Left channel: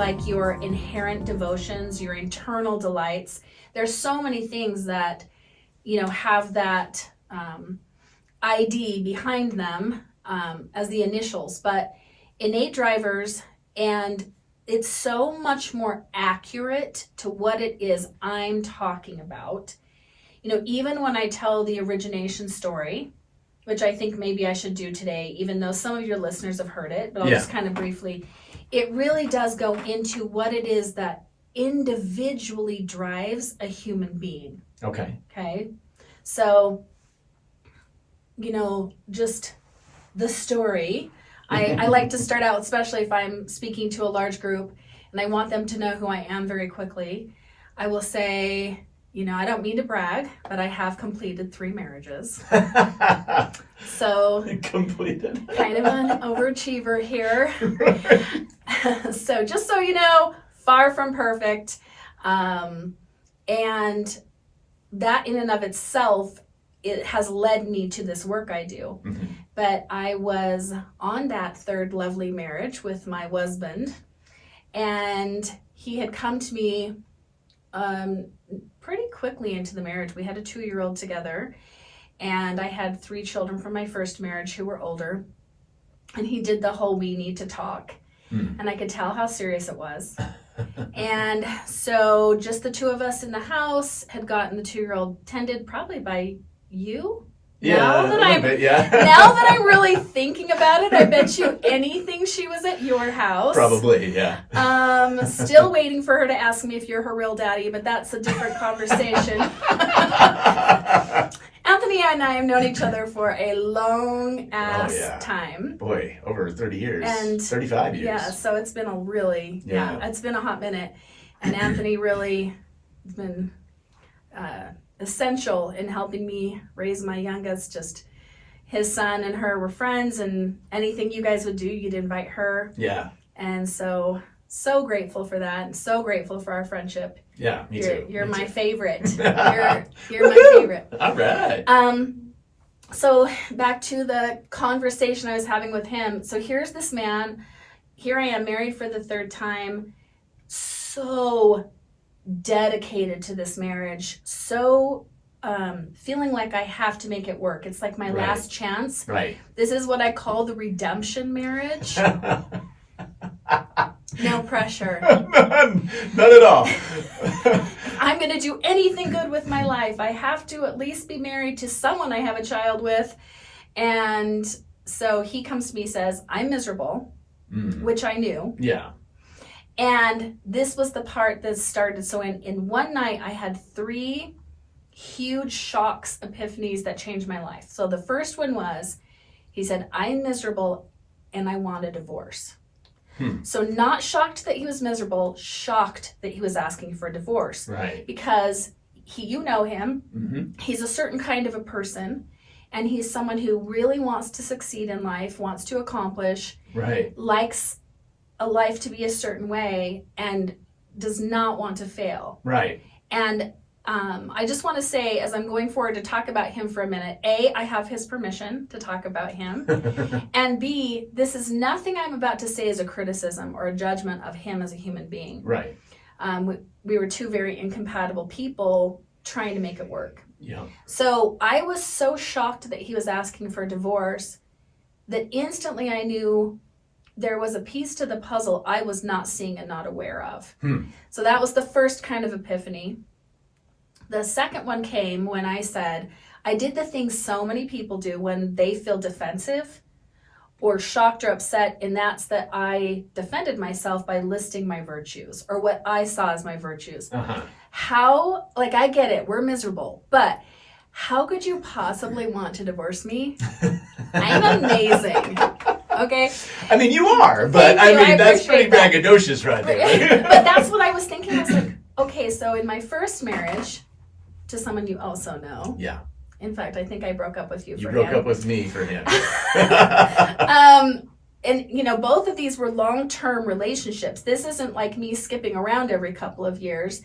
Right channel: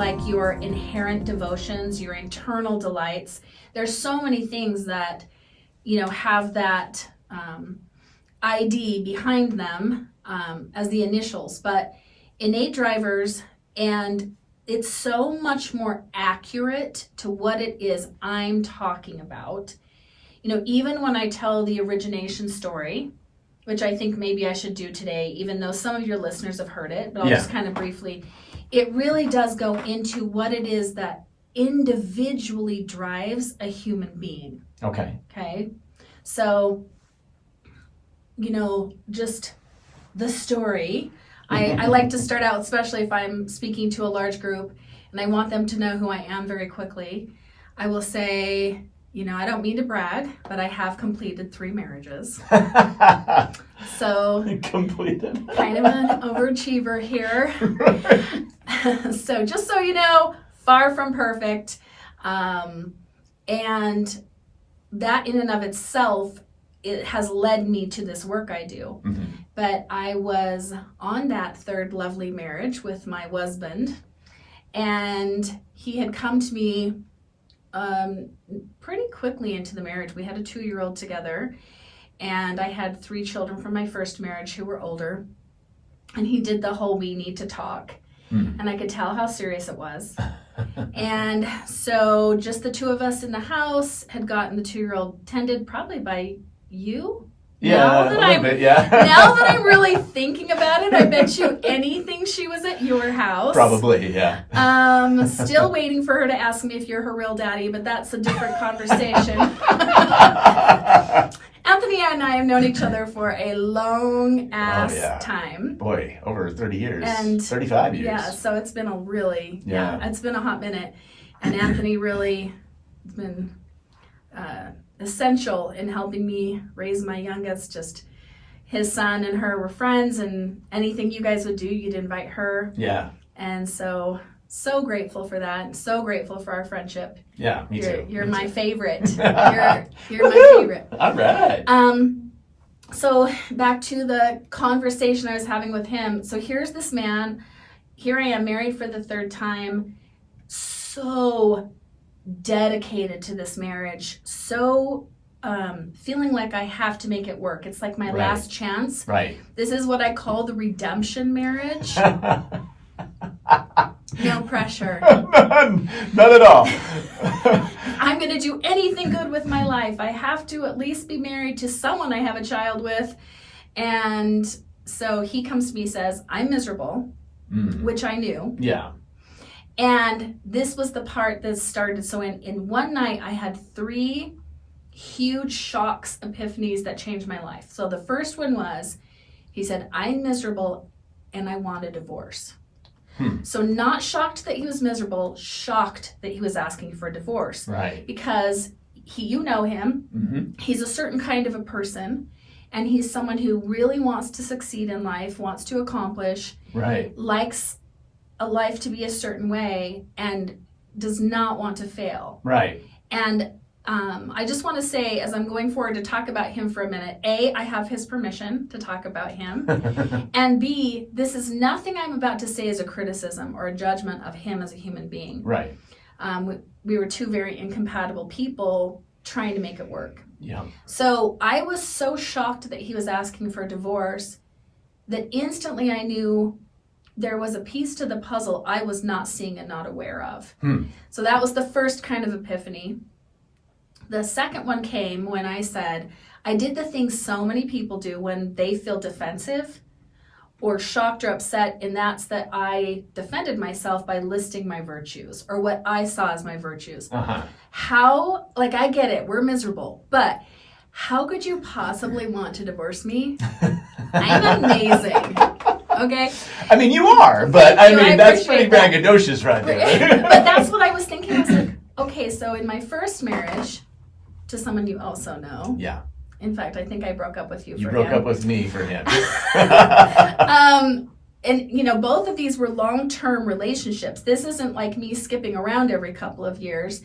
like your inherent devotions, your internal delights. There's so many things that, have that ID behind them as the initials, but innate drivers, and it's so much more accurate to what it is I'm talking about. Even when I tell the origination story, which I think maybe I should do today, even though some of your listeners have heard it, but I'll just kind of briefly, it really does go into what it is that individually drives a human being. Okay. So, just the story. I like to start out, especially if I'm speaking to a large group and I want them to know who I am very quickly. I will say, I don't mean to brag, but I have completed 3 marriages. So completed. Kind of an overachiever here. So just so you know, far from perfect. And that in and of itself, it has led me to this work I do. Mm-hmm. But I was on that 3rd lovely marriage with my husband, and he had come to me pretty quickly into the marriage. We had a 2-year-old together, and I had 3 children from my first marriage who were older, and he did the whole we need to talk, and I could tell how serious it was. And so just the 2 of us in the house had gotten the 2-year-old tended probably by you. Yeah, now that now that I'm really thinking about it, I bet you anything she was at your house. Probably, yeah. Still waiting for her to ask me if you're her real daddy, but that's a different conversation. Anthony and I have known each other for a long ass time. Boy, over 30 years. And 35 years. Yeah, so it's been it's been a hot minute. And Anthony really has been essential in helping me raise my youngest. Just his son and her were friends, and anything you guys would do, you'd invite her. Yeah. And so grateful for that, and so grateful for our friendship. Yeah, me too. You're me my too. favorite. You're my favorite. All right. So back to the conversation I was having with him. So here's this man. Here I am, married for the 3rd time. So dedicated to this marriage, so feeling like I have to make it work. It's like my last chance. Right. This is what I call the redemption marriage. No pressure. None at all. I'm going to do anything good with my life. I have to at least be married to someone I have a child with. And so he comes to me and says, I'm miserable, which I knew. Yeah. And this was the part that started. So in one night, I had 3 huge shocks, epiphanies that changed my life. So the first one was, he said, I'm miserable and I want a divorce. So not shocked that he was miserable, shocked that he was asking for a divorce. Right. Because you know him, he's a certain kind of a person, and he's someone who really wants to succeed in life, wants to accomplish, likes a life to be a certain way, and does not want to fail. Right. And I just want to say, as I'm going forward to talk about him for a minute, A, I have his permission to talk about him, and B, this is nothing I'm about to say as a criticism or a judgment of him as a human being. Right. We were 2 very incompatible people trying to make it work. Yeah. So I was so shocked that he was asking for a divorce that instantly I knew there was a piece to the puzzle I was not seeing and not aware of. So that was the first kind of epiphany. The second one came when I said, I did the things so many people do when they feel defensive or shocked or upset, and that's that I defended myself by listing my virtues or what I saw as my virtues. How, I get it, we're miserable, but how could you possibly want to divorce me? I'm amazing. Okay? I mean, you are, but that's pretty braggadocious right there. But that's what I was thinking. I was like, okay, so in my first marriage, to someone you also know. Yeah. In fact, I think I broke up with you for him. You broke up with me for him. And, both of these were long-term relationships. This isn't like me skipping around every couple of years.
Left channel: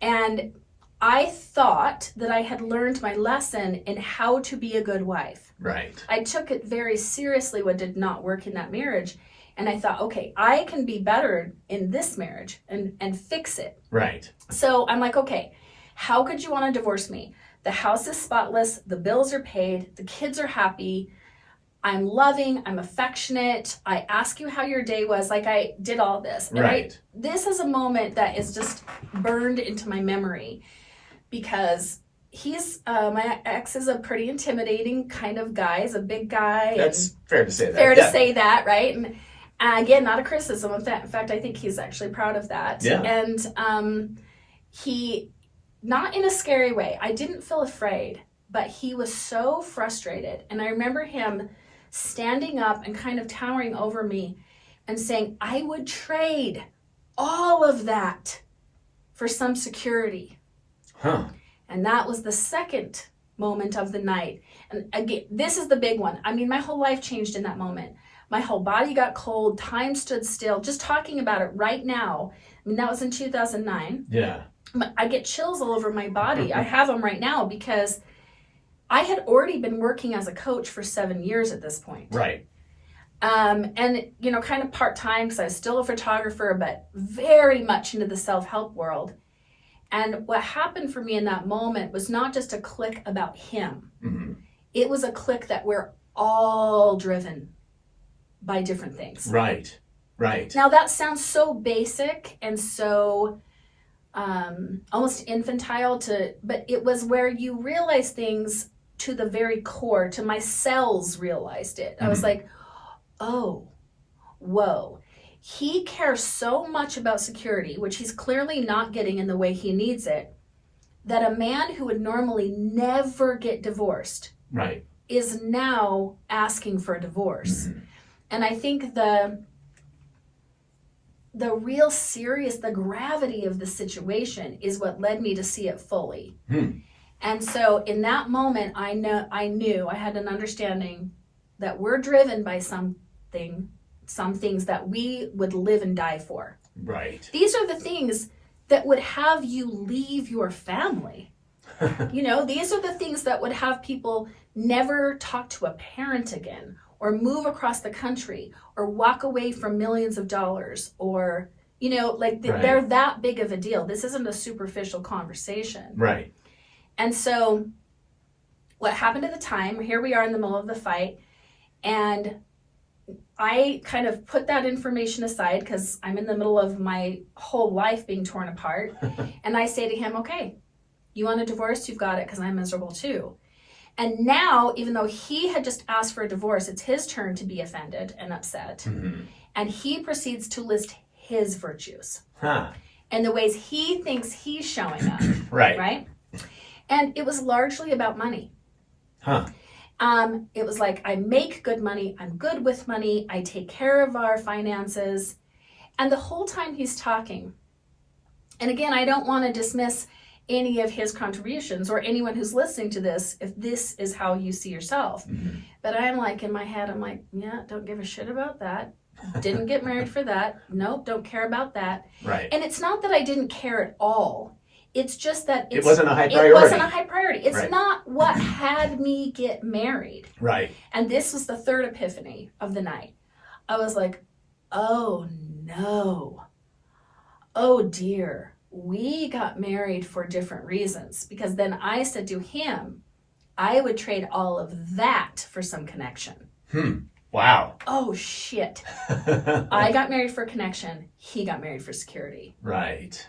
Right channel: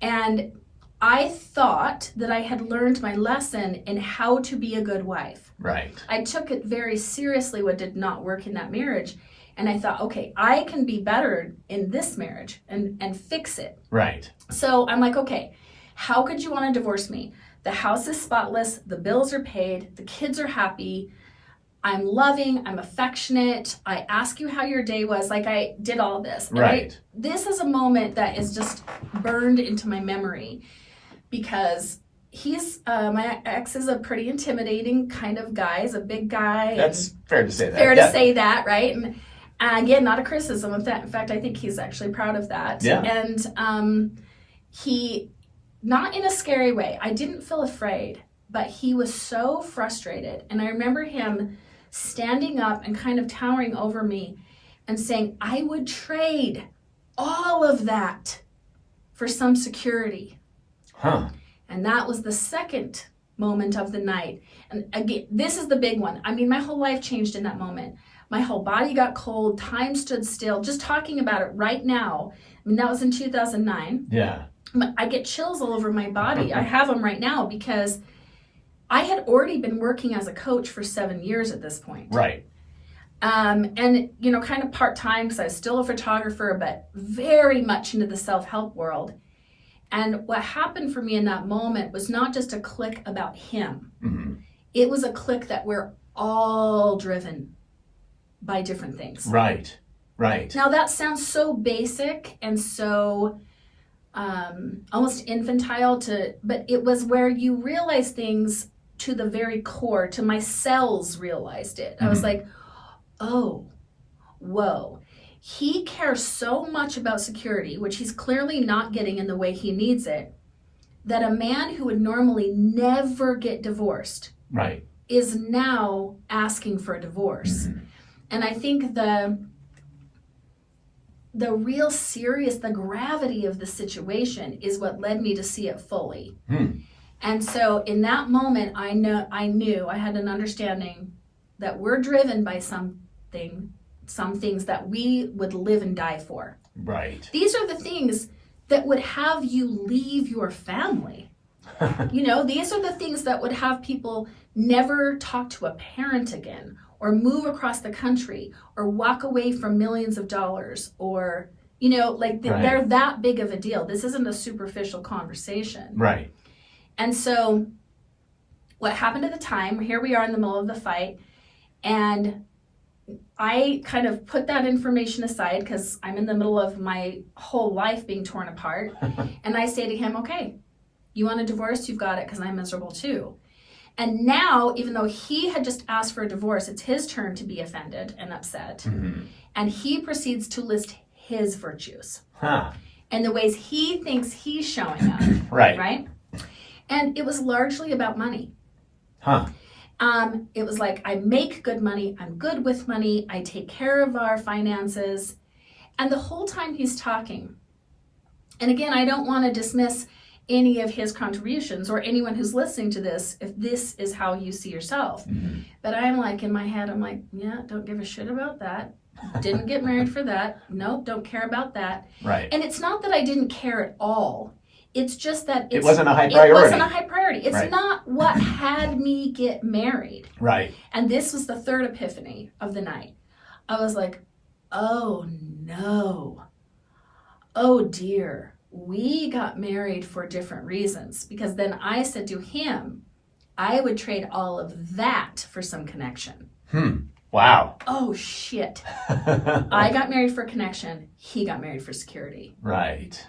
And I thought that I had learned my lesson in how to be a good wife. Right. I took it very seriously what did not work in that marriage. And I thought, okay, I can be better in this marriage and fix it. Right. So I'm like, okay, how could you want to divorce me? The house is spotless, the bills are paid, the kids are happy, I'm loving, I'm affectionate, I ask you how your day was, like I did all this. And right. This is a moment that is just burned into my memory because he's, my ex is a pretty intimidating kind of guy, he's a big guy. That's fair to say that. Fair to say that, right? And again, not a criticism. In fact, I think he's actually proud of that. Yeah. And he, not in a scary way, I didn't feel afraid, but he was so frustrated. And I remember him standing up and kind of towering over me and saying, I would trade all of that for some security. Huh. And that was the second moment of the night. And again, this is the big one. I mean, my whole life changed in that moment. My whole body got cold, time stood still. Just talking about it right now, I mean, that was in 2009. Yeah. I get chills all over my body. I have them right now because I had already been working as a coach for 7 years at this point. Right. And, you know, kind of part-time because I was still a photographer, but very much into the self-help world. And what happened for me in that moment was not just a click about him. Mm-hmm. It was a click that we're all driven by different things. Right. Right. Now that sounds so basic and so almost infantile but it was where you realize things to the very core, to my cells realized it. I was like, oh, whoa. He cares so much about security, which he's clearly not getting in the way he needs it, that a man who would normally never get divorced right. is now asking for a divorce. Mm-hmm. And I think the real serious, the gravity of the situation is what led me to see it fully. And so in that moment, I knew, I had an understanding that we're driven by some things that we would live and die for. Right. These are the things that would have you leave your family. You know, these are the things that would have people never talk to a parent again, or move across the country, or walk away from millions of dollars, or, you know, like right. They're that big of a deal. This isn't a superficial conversation. Right. And so what happened at the time, here we are in the middle of the fight, and I kind of put that information aside because I'm in the middle of my whole life being torn apart. And I say to him, okay, you want a divorce? You've got it, because I'm miserable too. And now, even though he had just asked for a divorce, it's his turn to be offended and upset. Mm-hmm. And he proceeds to list his virtues and the ways he thinks he's showing up. Right? And it was largely about money. It was like, I make good money, I'm good with money, I take care of our finances. And the whole time he's talking, and again, I don't want to dismiss any of his contributions or anyone who's listening to this if this is how you see yourself. Mm-hmm. But I'm like, in my head, I'm like, yeah, don't give a shit about that. Didn't get married for that. Nope, don't care about that. Right. And it's not that I didn't care at all. It's just that it wasn't a high priority. It wasn't a high priority. It's right. not what had me get married. Right. And this was the third epiphany of the night. I was like, oh no. Oh dear. We got married for different reasons, because then I said to him, I would trade all of that for some connection. Wow. Oh shit. I got married for connection. He got married for security. Right.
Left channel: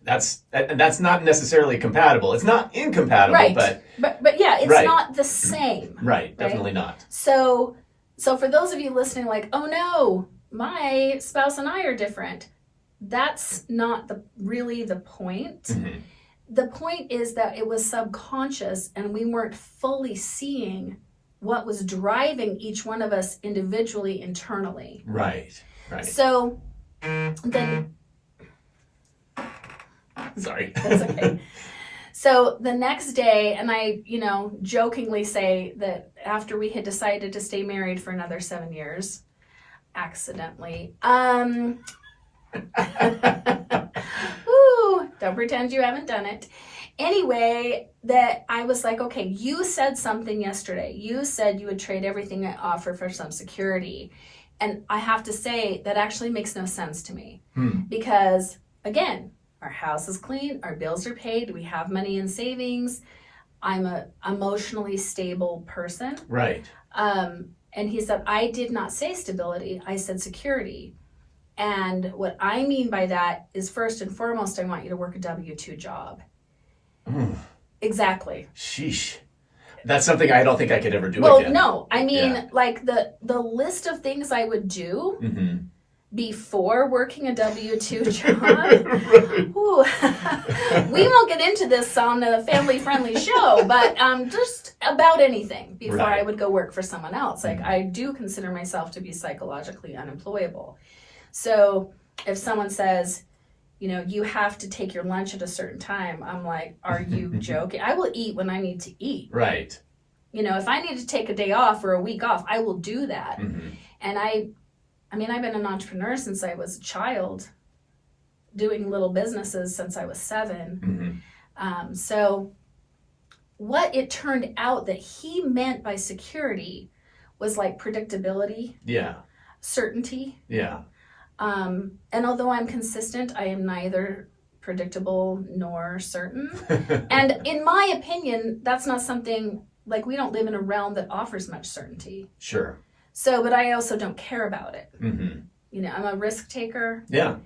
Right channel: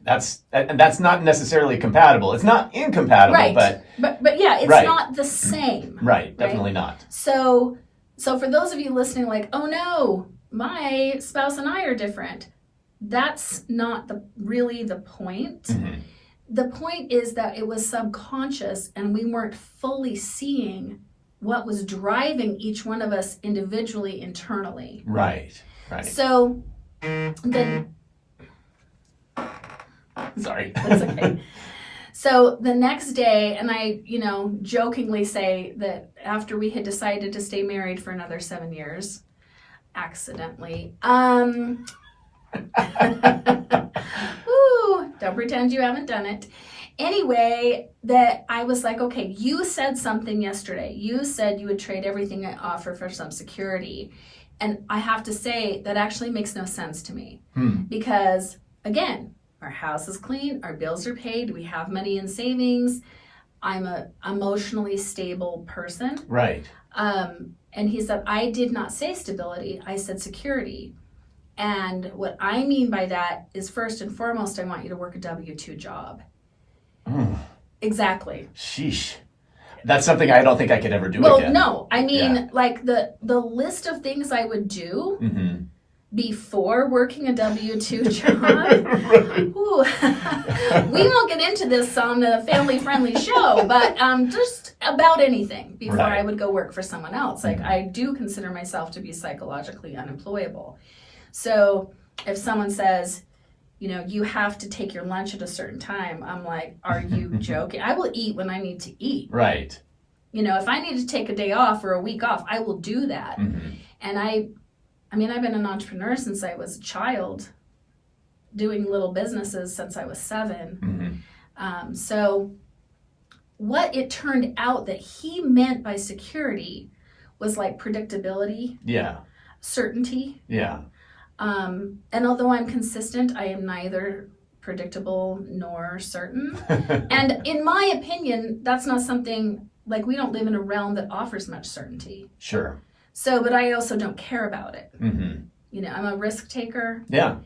That's not necessarily compatible. It's not incompatible, right. but yeah, it's right. not the same. Right. Definitely not. So for those of you listening, like, oh no, my spouse and I are different. That's not really the point. Mm-hmm. The point is that it was subconscious and we weren't fully seeing what was driving each one of us individually, internally. Right. So Sorry. That's okay. So the next day, and I, jokingly say that after we had decided to stay married for another 7 years, accidentally, don't pretend you haven't done it. Anyway, that I was like, okay, you said something yesterday. You said you would trade everything I offer for some security. And I have to say that actually makes no sense to me because, again, our house is clean, our bills are paid, we have money in savings. I'm a emotionally stable person. Right. And he said, I did not say stability, I said security. And what I mean by that is, first and foremost, I want you to work a W-2 job. Exactly. Sheesh. That's something I don't think I could ever do well, again. No. I mean, like the list of things I would do before working a W-2 job. We won't get into this on a family-friendly show, but just about anything before I would go work for someone else. Like, I do consider myself to be psychologically unemployable. So if someone says, you know, you have to take your lunch at a certain time, I'm like, are you joking? I will eat when I need to eat. Right. You know, if I need to take a day off or a week off, I will do that. And I mean, I've been an entrepreneur since I was a child, doing little businesses since I was 7. So what it turned out that he meant by security was like predictability. Yeah. Certainty. Yeah. And although I'm consistent, I am neither predictable nor certain. And in my opinion, that's not something, like, we don't live in a realm that offers much certainty. Sure. So, but I also don't care about it. You know, I'm a risk taker. Yeah.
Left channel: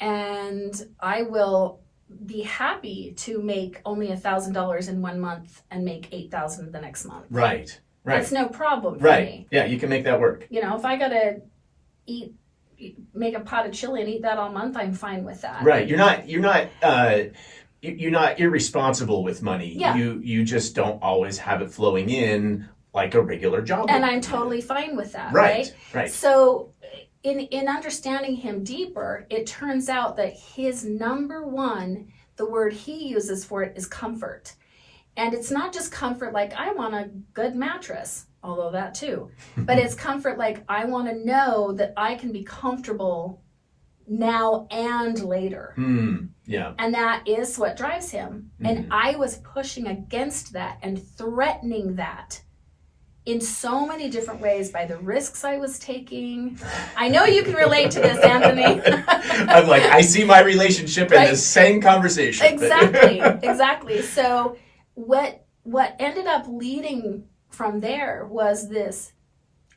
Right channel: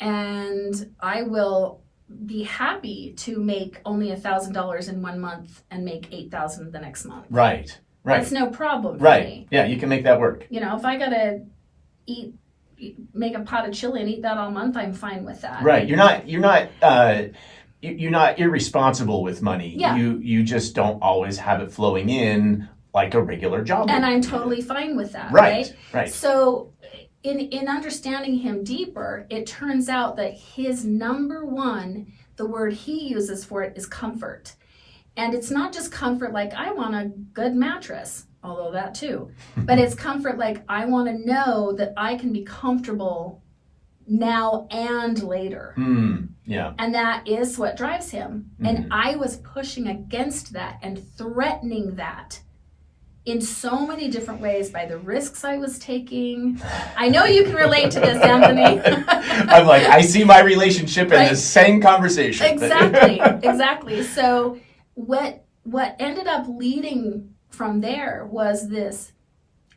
And I will be happy to make only $1,000 in 1 month and make $8,000 the next month. Right. Right. That's no problem for me. Yeah, you can make that work. You know, if I gotta make a pot of chili and eat that all month, I'm fine with that. Right. You're not irresponsible with money. Yeah. You just don't always have it flowing in like a regular job. And I'm totally fine with that. Right. Right. So in understanding him deeper, it turns out that his number one, the word he uses for it is comfort. And it's not just comfort like, I want a good mattress, although that too. But it's comfort like, I want to know that I can be comfortable now and later. Yeah. And that is what drives him. And I was pushing against that and threatening that in so many different ways by the risks I was taking. I know you can relate to this, Anthony. I'm like, I see my relationship in the same conversation. Exactly. So what ended up leading from there was this:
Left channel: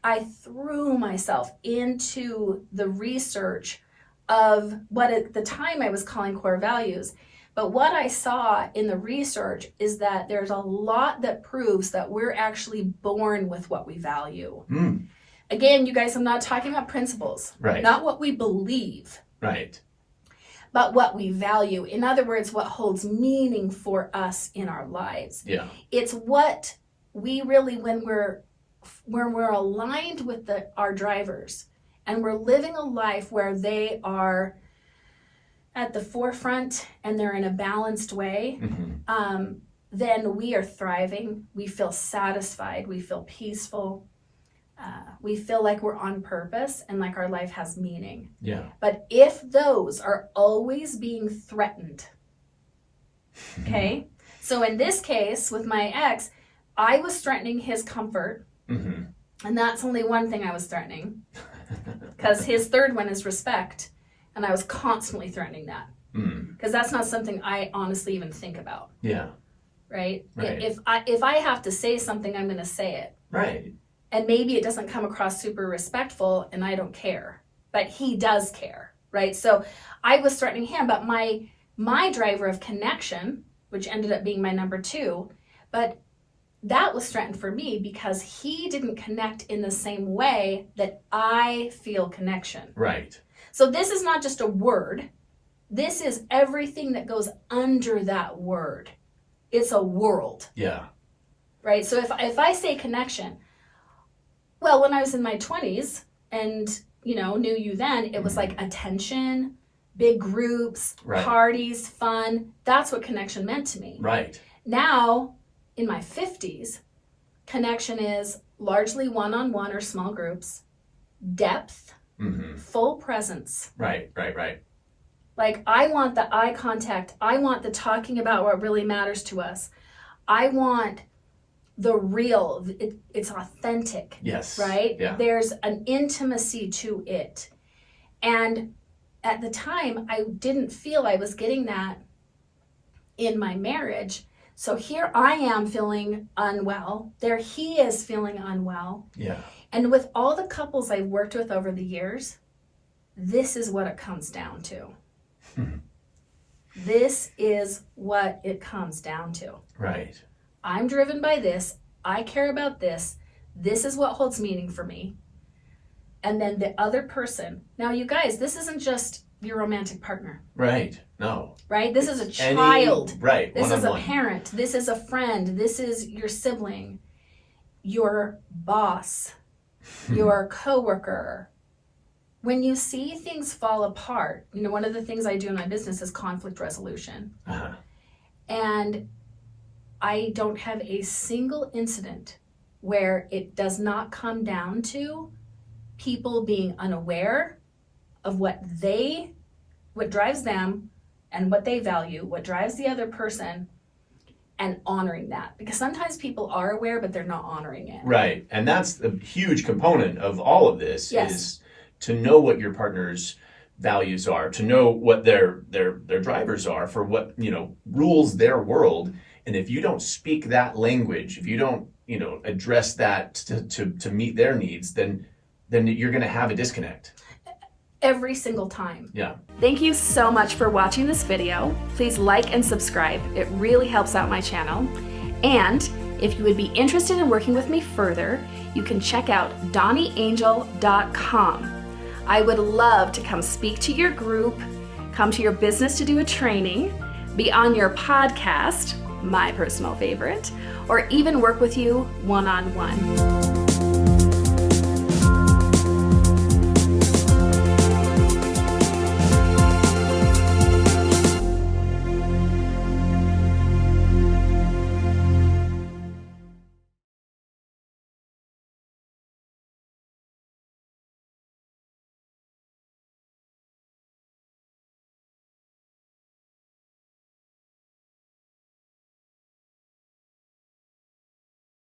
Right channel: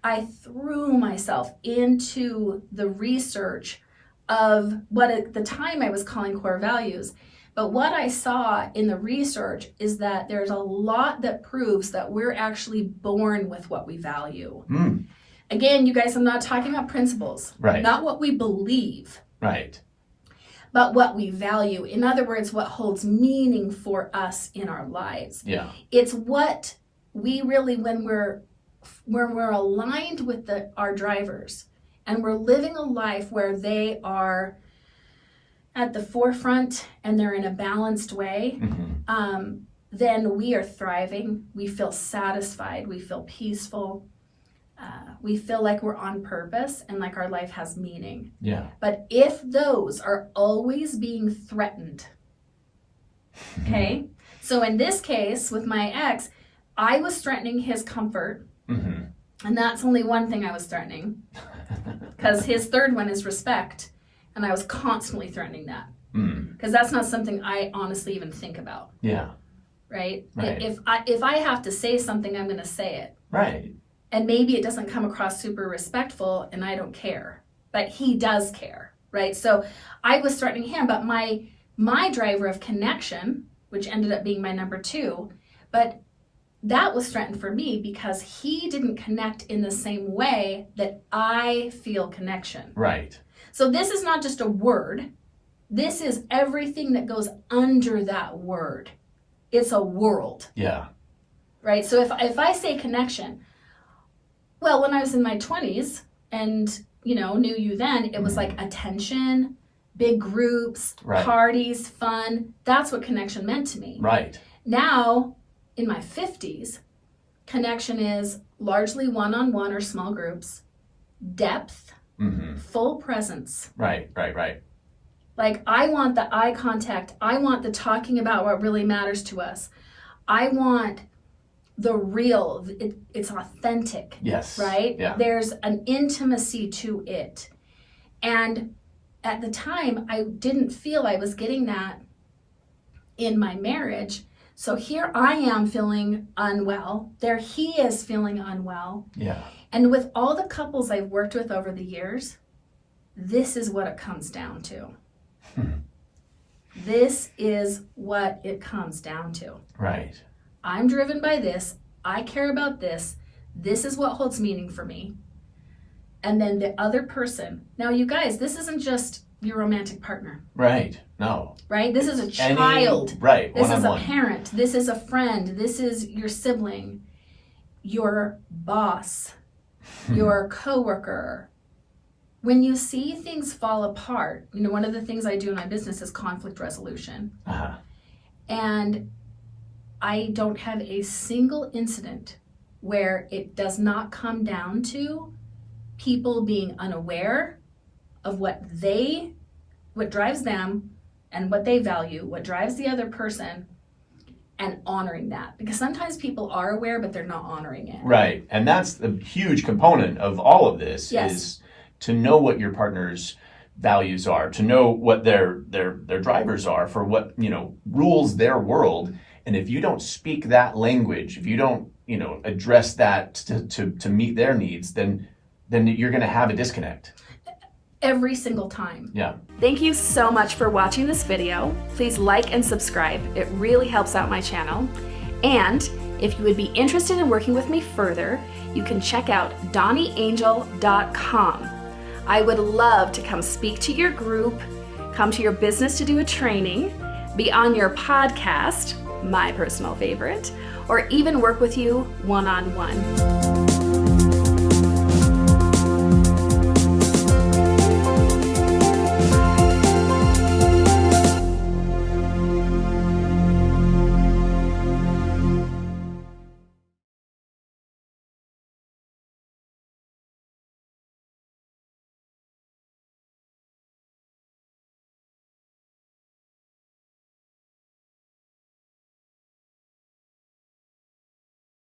I threw myself into the research of what at the time I was calling core values. But what I saw in the research is that there's a lot that proves that we're actually born with what we value. Again, you guys, I'm not talking about principles, not what we believe, but what we value. In other words, what holds meaning for us in our lives. Yeah. It's what we really, when we're aligned with our drivers and we're living a life where they are at the forefront and they're in a balanced way, then we are thriving. We feel satisfied. We feel peaceful. We feel like we're on purpose and like our life has meaning. Yeah. But if those are always being threatened, okay? So in this case, with my ex, I was threatening his comfort. And that's only one thing I was threatening, because his third one is respect. And I was constantly threatening that, because that's not something I honestly even think about. Yeah. Right? If I have to say something, I'm going to say it. Right. And maybe it doesn't come across super respectful, and I don't care. But he does care, right? So I was threatening him, but my driver of connection, which ended up being my number 2, but that was threatened for me because he didn't connect in the same way that I feel connection. Right. So this is not just a word. This is everything that goes under that word. It's a world. Yeah. Right? So if I say connection, well, when I was in my 20s and, knew you then, it was like attention, big groups, parties, fun. That's what connection meant to me. Right. Now, in my 50s, connection is largely one-on-one or small groups, depth, full presence. Right. Like, I want the eye contact. I want the talking about what really matters to us. I want the real, it's authentic. Yes. Right? Yeah. There's an intimacy to it. And at the time, I didn't feel I was getting that in my marriage. So here I am feeling unwell. There he is feeling unwell. Yeah. And with all the couples I've worked with over the years, this is what it comes down to. This is what it comes down to. Right. I'm driven by this. I care about this. This is what holds meaning for me. And then the other person. Now, you guys, this isn't just your romantic partner. Right. No. Right? This is a child. Right. This is a One-on-one. parent. This is a friend. This is your sibling, your boss, your coworker. When you see things fall apart, one of the things I do in my business is conflict resolution. Uh-huh. And I don't have a single incident where it does not come down to people being unaware of what drives them and what they value, what drives the other person, and honoring that. Because sometimes people are aware, but they're not honoring it. Right. And that's the huge component of all of this. Yes. Is to know what your partner's values are, to know what their drivers are for what, rules their world. And if you don't speak that language, if you don't, address that to meet their needs, then you're going to have a disconnect. Every single time. Yeah. Thank you so much for watching this video. Please like and subscribe. It really helps out my channel. And if you would be interested in working with me further, you can check out DawniAngel.com. I would love to come speak to your group, come to your business to do a training, be on your podcast, my personal favorite, or even work with you one-on-one.